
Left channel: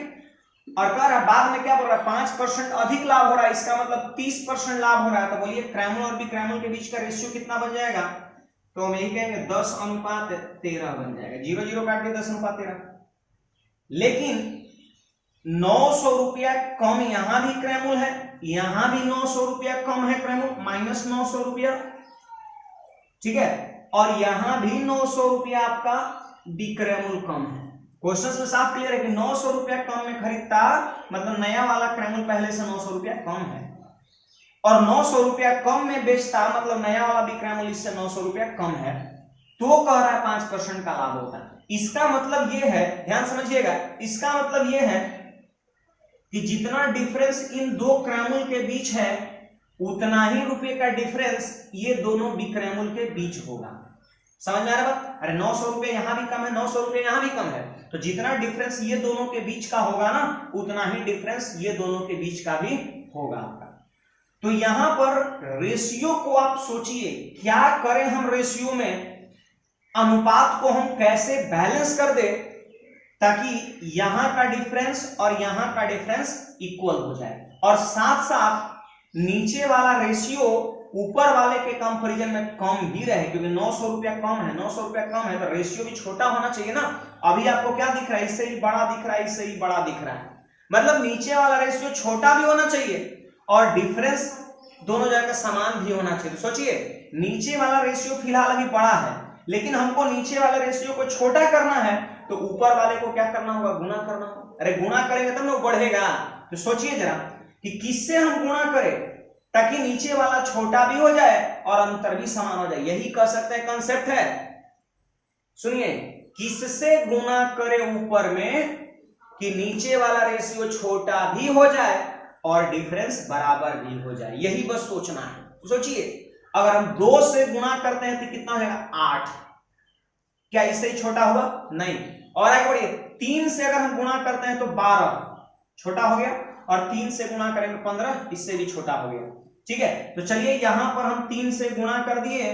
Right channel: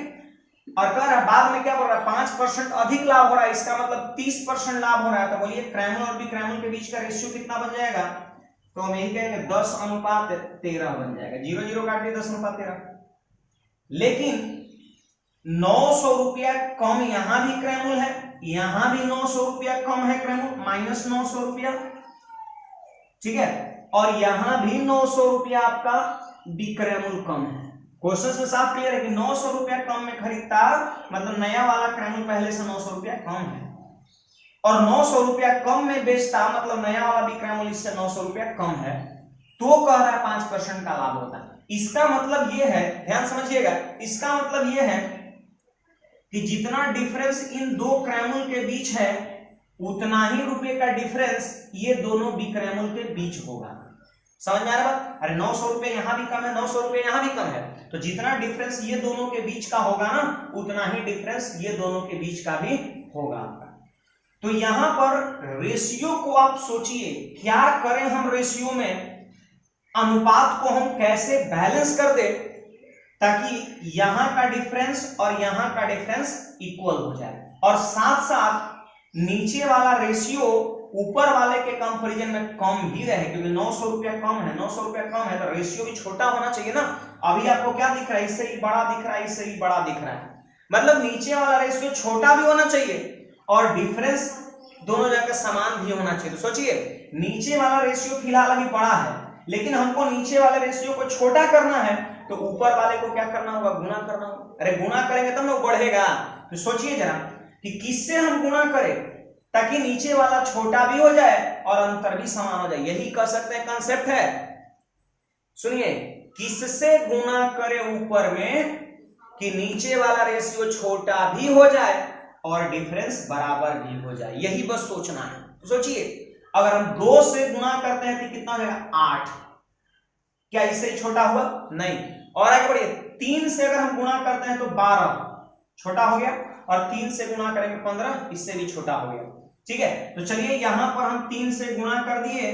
और कह रहा बाद में क्या बोल रहा है 5% अधिक लाभ हो रहा है, इसका मतलब 30% लाभ हो रहा है। तो बोलिए क्रैमल और बिक्रैमल के बीच का रेशियो कितना बन जाएगा, तो हम यही कहेंगे 10:13 बन जाएगा। 0 काट के 10:13। लेकिन 900 रुपया कम यहां भी क्रैमल है, यहां भी 900 रुपया कम है क्रैमल, -900 रुपया, ठीक है, और यहां भी 900 रुपया आपका बिक्रैमल कम है। क्वेश्चन में साफ क्लियर है कि 900 रुपया कम में खरीदता, मतलब नया वाला क्रैमल पहले से 900 रुपया कम है, और 900 रुपया कम में बेचता, मतलब नया वाला बिक्रैमल इससे 900 रुपया कम है, तो कह रहा है 5% का लाभ होता है। इसका मतलब यह है, ध्यान समझिएगा, इसका मतलब यह है कि जितना डिफरेंस इन दो क्रैमल के बीच है उतना ही रुपए का डिफरेंस ये दोनों बिक्रैमल के बीच होगा। समझ में आ रहा बात, अरे 900 रुपये यहां भी कम है, 900 रुपये यहां भी कम है, तो जितना डिफरेंस ये दोनों के बीच का होगा ना, उतना ही डिफरेंस ये दोनों के बीच का भी होगा आपका। तो यहां पर रेशियो को आप सोचिए, क्या करें हम रेशियो में, अनुपात को हम कैसे बैलेंस कर दे ताकि यहां का डिफरेंस और यहां का डिफरेंस इक्वल हो जाए, और साथ साथ नीचे वाला रेशियो ऊपर वाले के कंपैरिजन में कम ही रहे, क्योंकि 900 रुपया कम है, 900 रुपया कम है तो रेशियो भी छोटा होना चाहिए ना। अभी आपको क्या दिख रहा है, इससे ही बड़ा दिख रहा है, इससे ही बड़ा दिख रहा है, मतलब नीचे वाला रेशियो छोटा भी होना चाहिए और डिफरेंस दोनों जगह समान भी होना चाहिए। तो सोचिए, नीचे वाला रेशियो फिलहाल अभी बड़ा है, लेकिन हमको नीचे वाले रेशियो को छोटा करना है, तो ऊपर वाले को क्या करना होगा, गुना करना होगा। अरे गुना करेंगे तब ना वो बढ़ेगा। तो सोचिए जरा कि किससे हम गुना करें ताकि नीचे वाला छोटा भी हो जाए और अंतर भी समान हो जाए। यही कह सकते हैं कंसेप्ट है। सुनिए, किससे गुना करें ऊपर में कि नीचे वाला रेशियो छोटा भी हो जाए और डिफरेंस बराबर भी हो जाए, यही बस सोचना है। तो सोचिए, अगर हम 2 से गुना करते हैं तो कितना हो जाएगा, 8। क्या इससे ही छोटा हुआ, नहीं। और आगे बढ़िए, 3 से अगर हम गुना करते हैं तो 12, छोटा हो गया, और 3 से गुना करेंगे 15, इससे भी छोटा हो गया। ठीक है, तो चलिए यहां पर हम 3 से गुणा कर दिए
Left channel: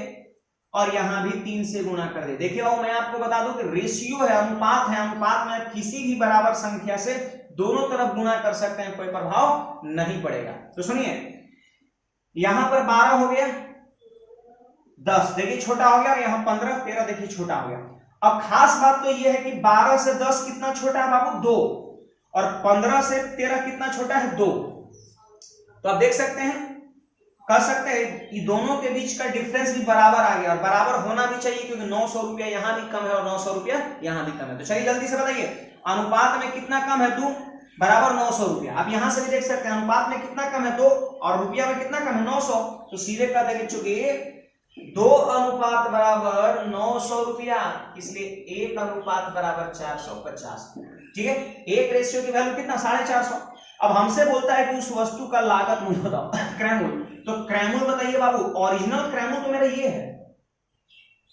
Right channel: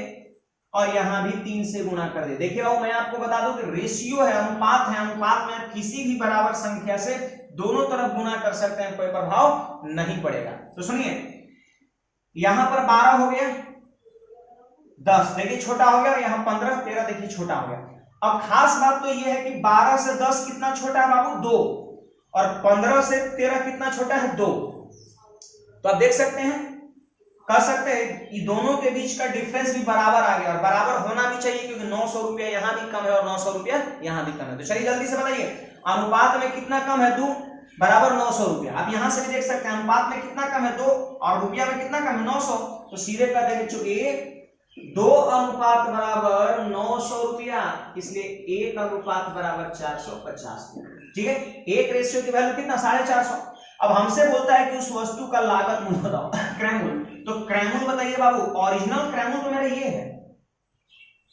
और यहां भी 3 से गुणा कर दिए। देखिए मैं आपको बता दूं कि रेशियो है, अनुपात है, अनुपात में किसी भी बराबर संख्या से दोनों तरफ गुणा कर सकते हैं, कोई प्रभाव नहीं पड़ेगा। तो सुनिए, यहां पर 12 हो गया, 10 देखिए छोटा हो गया, और यहां 15, 13 देखिए छोटा हो गया। अब खास बात तो यह है कि 12 से 10 कितना छोटा है बाबू, 2, और 15 से 13 कितना छोटा है, 2। तो आप देख सकते हैं, कह सकते हैं कि दोनों के बीच का डिफरेंस भी बराबर आ गया, और बराबर होना भी चाहिए क्योंकि 900 रुपया यहां भी कम है और 900 रुपया यहां भी कम है। तो चलिए जल्दी से बताइए, अनुपात में कितना कम है, 2 बराबर 900 रुपया। आप यहां से भी देख सकते हैं अनुपात में कितना कम है, 2, और रुपया में कितना कम है, 900। तो सीधे कर देंगे, चूंकि 2 अनुपात बराबर 900 रुपया, इसलिए 1 अनुपात बराबर 450। ठीक है, एक रेशियो की वैल्यू कितना, 450। अब हमसे बोलता है कि उस वस्तु का लागत मूल्य बताओ, क्रयमूल्य। तो क्रयमूल्य बताइए बाबू, ओरिजिनल क्रयमूल्य तो मेरा ये है।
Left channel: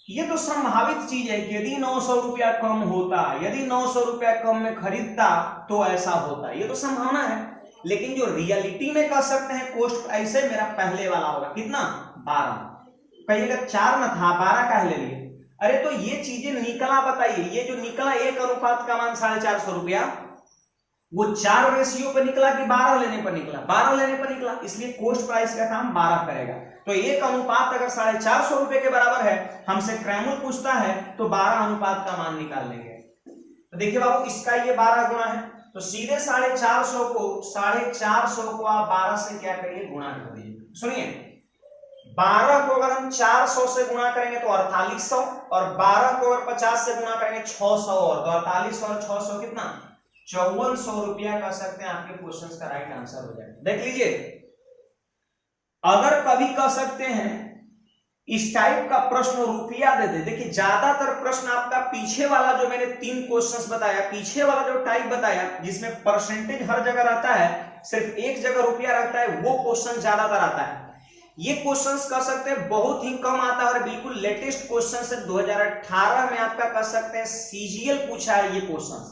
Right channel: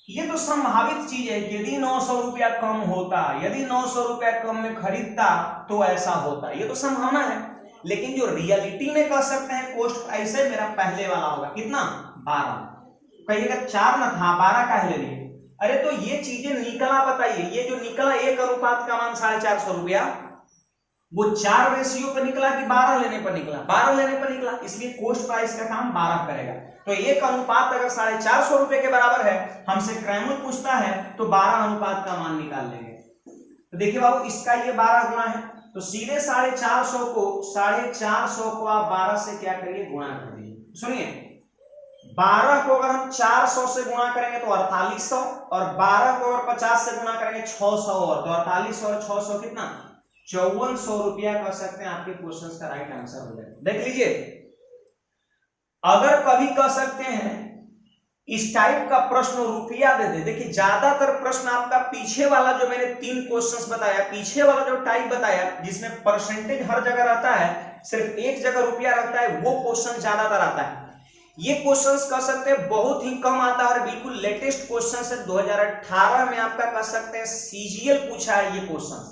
ये तो संभावित चीज है कि यदि 900 रुपया कम होता, यदि 900 रुपया कम में खरीदता तो ऐसा होता, ये तो संभावना है। लेकिन जो रियलिटी में कह सकते हैं कॉस्ट प्राइस है, मेरा पहले वाला होगा कितना, 12। कहिएगा 4 ना था, 12 का ले लिए। अरे तो ये चीजें निकला, बताइए ये जो निकला 1 अनुपात का मान 450 रुपया, वो 4 रेशियो पर निकला कि 12 लेने पर निकला, 12 लेने पर निकला, इसलिए कॉस्ट प्राइस का काम 12 करेगा। तो 1 अनुपात अगर 450 रुपए के बराबर है, हमसे क्रयमूल्य पूछता है, तो 12 अनुपात का मान निकाल लेंगे। तो देखिए बाबू, इसका ये 12 गुना है, तो सीधे 450 को आप 12 से क्या करिए, गुणा कर दीजिए। सुनिए, 12 को अगर हम 400 से गुणा करेंगे तो 4800, और 12 को अगर 50 से गुणा करेंगे 600, और तो 4800 और 600 कितना, 5400 रुपया कह सकते हैं, आपके क्वेश्चन का राइट आंसर हो जाएगा। देख लीजिए, अगर कभी कह सकते हैं इस टाइप का प्रश्न रुपया दे दे, देखिए ज्यादातर प्रश्न आपका पीछे वाला जो मैंने 3 क्वेश्चंस बताया, पीछे वाला जो टाइप बताया जिसमें परसेंटेज हर जगह रहता है, सिर्फ एक जगह रुपया रहता है, वो क्वेश्चन ज्यादातर आता है। ये क्वेश्चंस कह सकते हैं बहुत ही कम आता है, बिल्कुल लेटेस्ट क्वेश्चन है, 2018 में आपका कह सकते हैं सीजीएल पूछा है ये क्वेश्चन।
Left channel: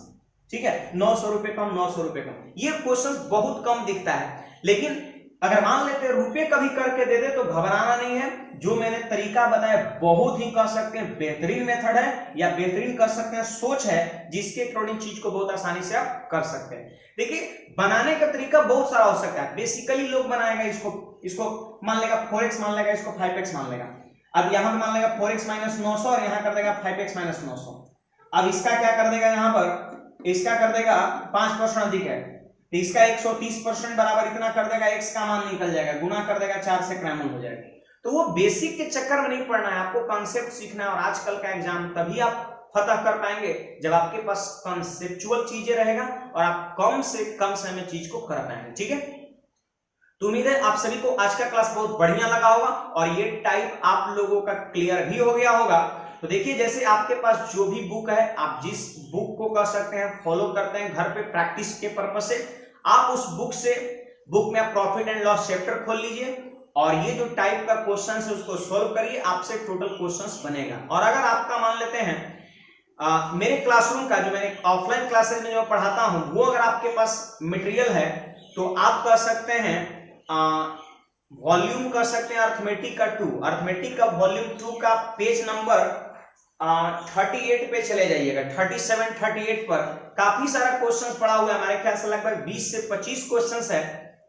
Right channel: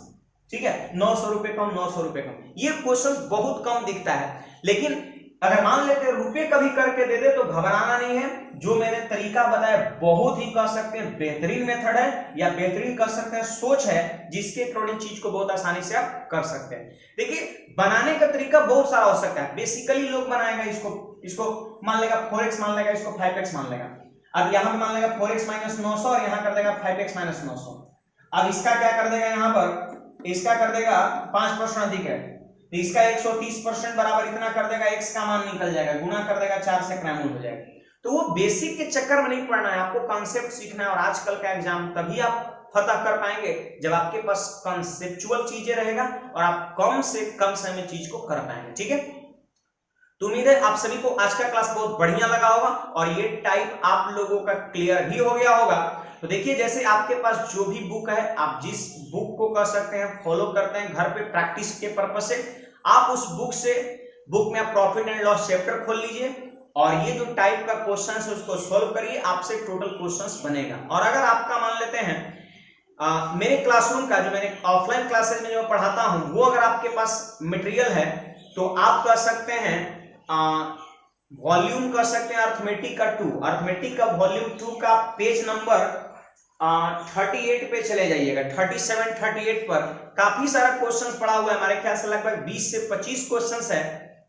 ठीक है, 900 रुपए कम, 900 रुपए कम, ये क्वेश्चन बहुत कम दिखता है। लेकिन अगर मान लेते हैं रुपए कभी करके दे दे तो घबराना नहीं है। जो मैंने तरीका बताया बहुत ही कह सकते हैं बेहतरीन मेथड है, या बेहतरीन कह सकते हैं सोच है, जिसके अकॉर्डिंग चीज को बहुत आसानी से आप कर सकते हैं। देखिए, बनाने का तरीका बहुत सारा हो सकता है। बेसिकली लोग बनाएगा इसको मान लेगा 4x मान लेगा, इसको 5x मान लेगा। अब यहां पे मान लेगा 4x - 900 और यहां कर देगा 5x - 900। अब इसका क्या कर देगा, यहां पर इसका कर देगा 5% अधिक है, तो इसका 130% बराबर इतना कर देगा, x का मान निकल जाएगा, गुना कर देगा 4 से, क्रयमूल्य हो जाएगा। तो वो बेसिक के चक्कर में नहीं पड़ना है, आपको कॉन्सेप्ट सीखना है। और आजकल का एग्जाम तभी आप फतह कर पाएंगे जब आपके पास कॉन्सेप्चुअल चीजें रहेगा और आप कम से कम समय में चीज को कर पाएंगे। ठीक है, तो उम्मीद है आप सभी को आज का क्लास बहुत बढ़िया लगा होगा और ये टाइप आप लोगों का क्लियर भी हो गया होगा। तो देखिए, जैसे आपके पास जो भी बुक है, आप जिस बुक को कर सकते हैं फॉलो करते हैं घर पे प्रैक्टिस के पर्पस से, आप उस बुक में प्रॉफिट एंड लॉस चैप्टर खोल लीजिए और ये जो टाइप का क्वेश्चन है उसको सोल्व करिए, आपसे टोटल क्वेश्चंस बनेगा। और अगर आपका मान लेते हैं मेरे क्लासरूम का जो मैंने ऑफलाइन क्लासेस में जो पढ़ाता हूं, वो अगर आपके पास मटेरियल है तो आप कर सकते हैं वॉल्यूम कर सकते हैं अर्थमेटिक का 2, अर्थमेटिक का वॉल्यूम 2 का पेज नंबर 38 पे चले जाइएगा, 37 38 पर काफी सारा क्वेश्चंस पड़ा हुआ है, हमारे ख्याल से लगभग 20 से 25 क्वेश्चंस है।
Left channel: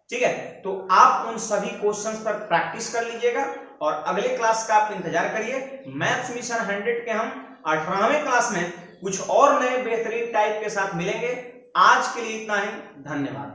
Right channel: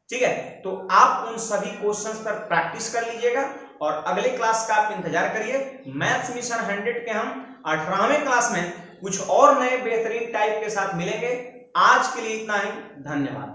ठीक है, तो आप उन सभी क्वेश्चंस पर प्रैक्टिस कर लीजिएगा और अगले क्लास का आप इंतजार करिए। मैथ्स मिशन 100 के हम 18वें क्लास में कुछ और नए बेहतरीन टाइप के साथ मिलेंगे। आज के लिए इतना ही, धन्यवाद।